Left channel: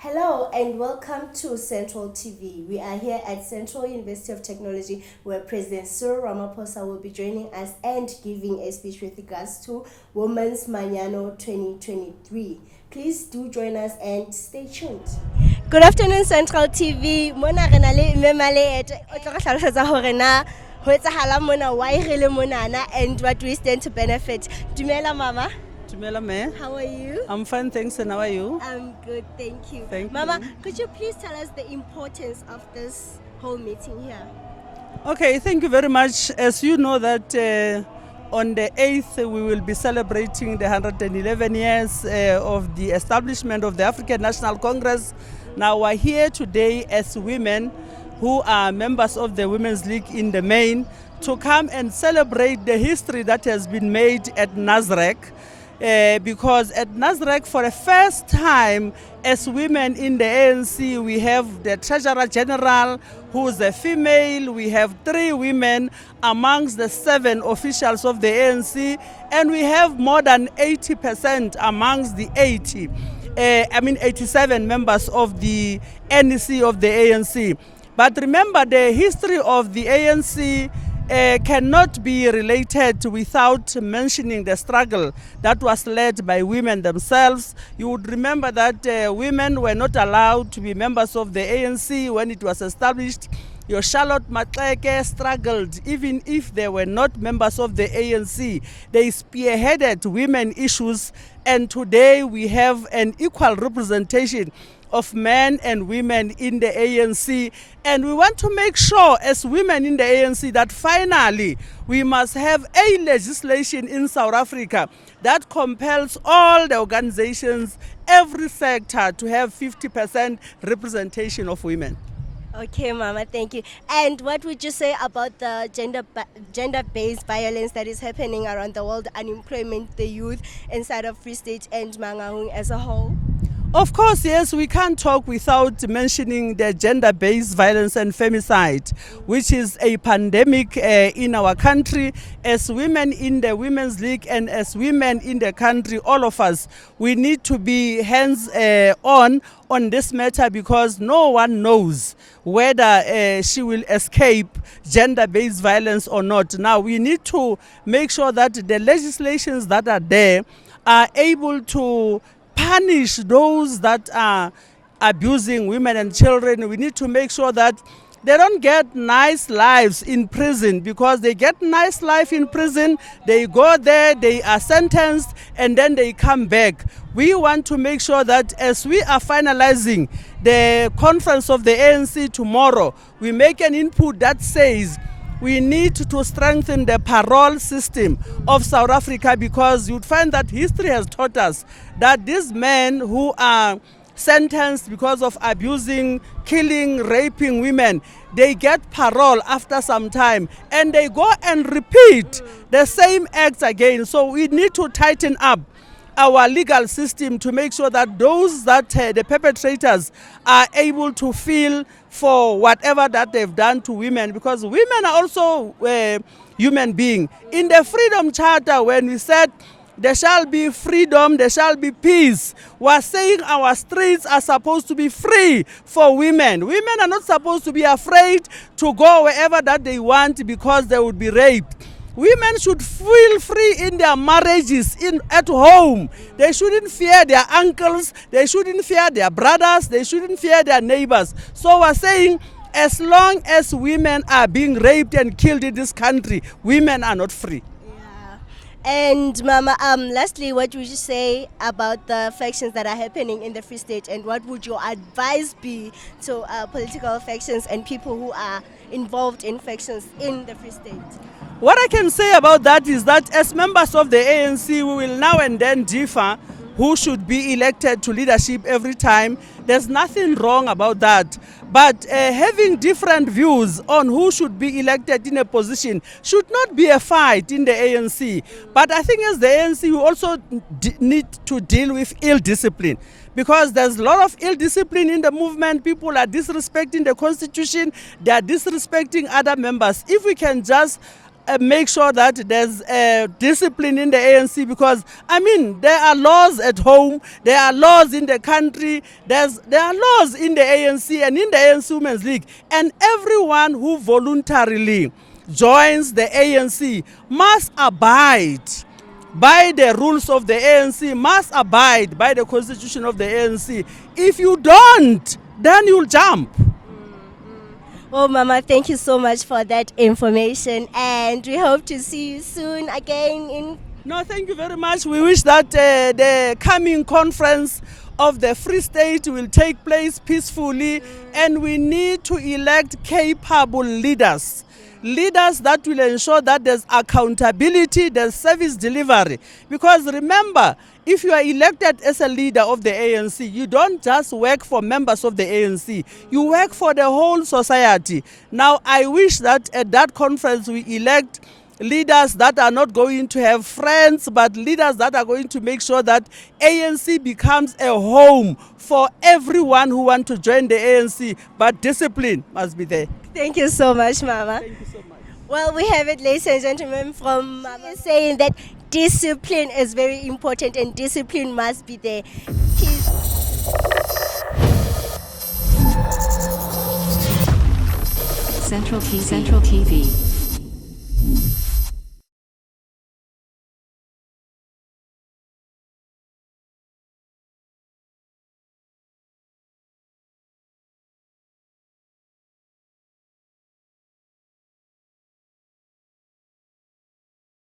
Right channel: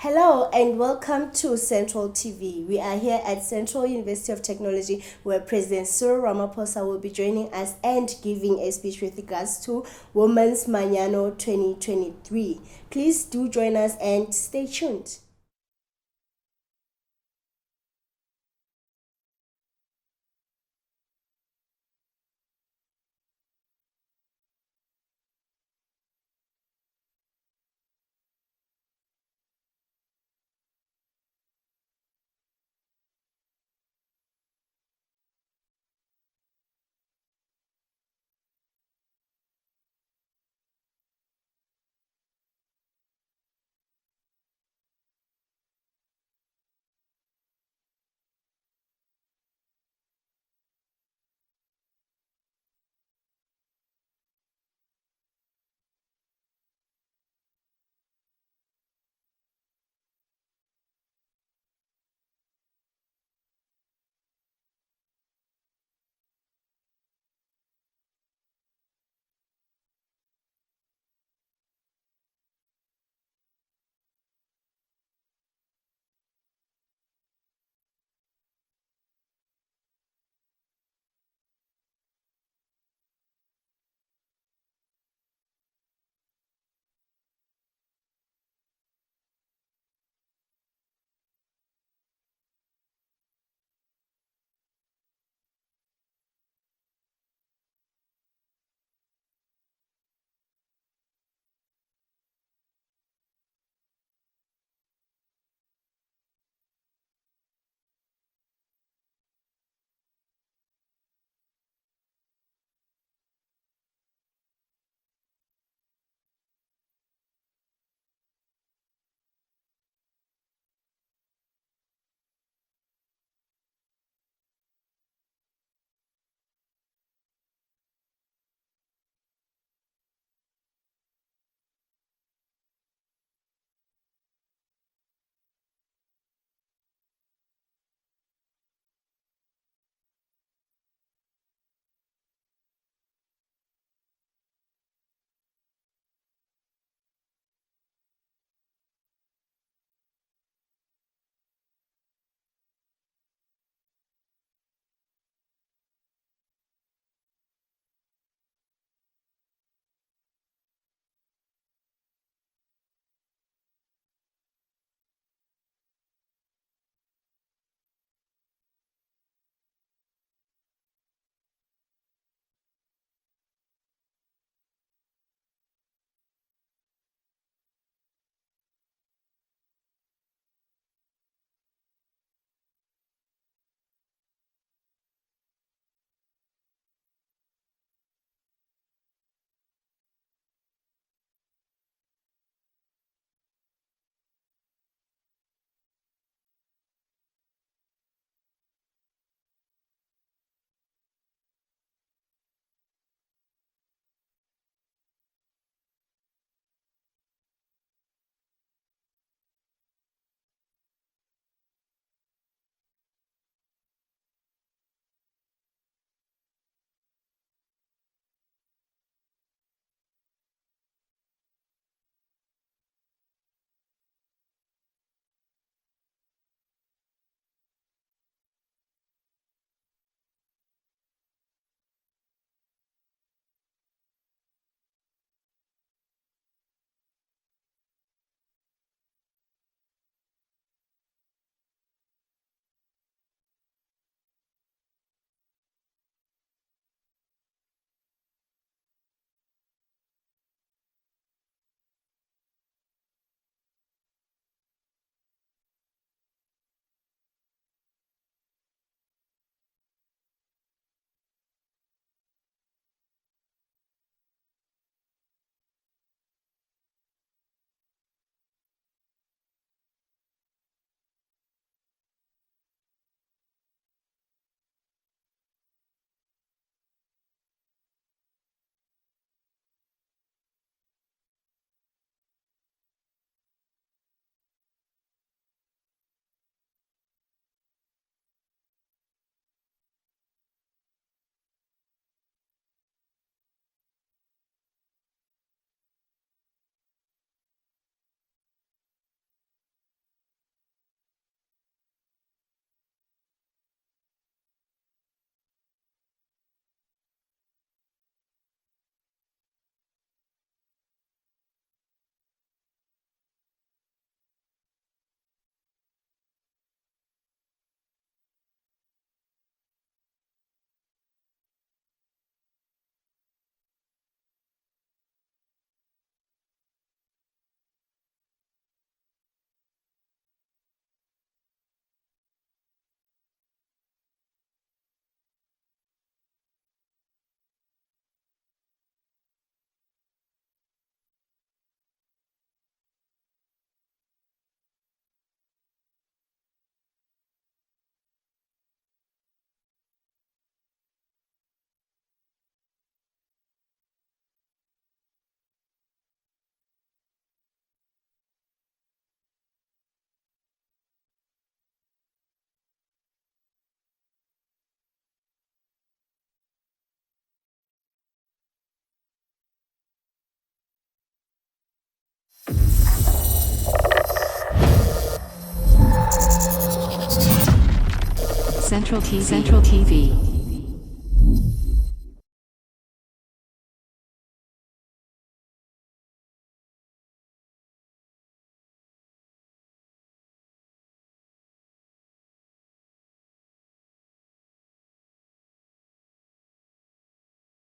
Hello and welcome to Central TV. We are here at Central University of Technology where President Cyril Ramaphosa will be joining us and giving a speech with regards to Women's Manyano 2023. Please do join us and stay tuned. Good afternoon, Central TV. Mona re na le mme Maleete o tlo re hlalosetsa hore na ho etsahala mona why re le monana and what we stand to benefit. Dumela mama. How are you? I'm fine, thanks. And how are you? I'm good, thank you. Thank Mama, you. could you please tell us the importance of this whole meeting here? Okay, thank you very much. As you know that on the 8th we will be celebrating the 111 years of the establishment of the African National Congress. Now we're here today as women who are members of the Women's League in the main to come and celebrate the history that has been made at Nasrec. Because at Nasrec, for the first time, as women in the ANC, we have the Treasurer General, who is a female. We have 3 women amongst the 7 officials of the ANC, and we have more than 80% amongst the 87 members of the NEC of the ANC. But remember, the history of the ANC cannot be related without mentioning the struggle that was led by women themselves. You would remember that women were not allowed to be members of the ANC when it was established. Your Charlotte Maxeke struggled even if they were not members of the ANC. They spearheaded women issues, and today we have an equal representation of men and women in the ANC, and we want to make sure as women in the ANC that finally we must have a legislation in South Africa that compels all the organizations, every sector, to have 50% representation of women. Okay, Mama, thank you. And what would you say about the gender-based violence that is happening around the world, unemployment, the youth inside of Free State and Mangaung as a whole? Of course, yes, we can't talk without mentioning the gender-based violence and femicide, which is a pandemic in our country. As women in the Women's League and as women in the country, all of us, we need to be hands-on this matter, because no one knows whether she will escape gender-based violence or not. Now, we need to make sure that the legislations that are there are able to punish those that are abusing women and children. We need to make sure that they don't get nice lives in prison, because they get nice life in prison, they go there, they are sentenced, and then they come back. We want to make sure that as we are finalizing the conference of the ANC tomorrow, we make an input that says we need to strengthen the parole system of South Africa, because you'd find that history has taught us that these men who are sentenced because of abusing, killing, raping women, they get parole after some time and they go and repeat the same acts again. So we need to tighten up our legal system to make sure that those that the perpetrators are able to feel for whatever that they've done to women, because women are also human beings. In the Freedom Charter, when we said there shall be freedom, there shall be peace, we're saying our streets are supposed to be free for women. Women are not supposed to be afraid to go wherever that they want because they would be raped. Women should feel free in their marriages, at home. They shouldn't fear their uncles, they shouldn't fear their brothers, they shouldn't fear their neighbors. So we're saying as long as women are being raped and killed in this country, women are not free. And Mama, lastly, what would you say about the factions that are happening in the Free State, and what would your advice be to political factions and people who are involved in factions in the Free State? What I can say about that is that as members of the ANC, we will now and then differ who should be elected to leadership every time. There's nothing wrong about that. But having different views on who should be elected in a position should not be a fight in the ANC. But I think as the ANC, we also need to deal with ill discipline, because there's a lot of ill discipline in the movement. People are disrespecting the constitution, they are disrespecting other members. If we can just make sure that there's discipline in the ANC, because I mean there are laws at home, there are laws in the country, there are laws in the ANC and in the ANC Women's League, and everyone who voluntarily joins the ANC must abide by the rules of the ANC, must abide by the constitution of the ANC. If you don't, then you'll jump. Well, Mama, thank you so much for that information, and we hope to see you soon again in. No, thank you very much. We wish that the coming conference of the Free State will take place peacefully, and we need to elect capable leaders. Leaders that will ensure that there's accountability, there's service delivery. Because remember, if you are elected as a leader of the ANC, you don't just work for members of the ANC, you work for the whole society. Now, I wish that at that conference we elect leaders that are not going to have friends, but leaders that are going to make sure that ANC becomes a home for everyone who wants to join the ANC, but discipline must be there. Thank you so much, Mama. Thank you so much. Well, we have it, ladies and gentlemen, from Mama saying that discipline is very important and discipline must be there. Central TV.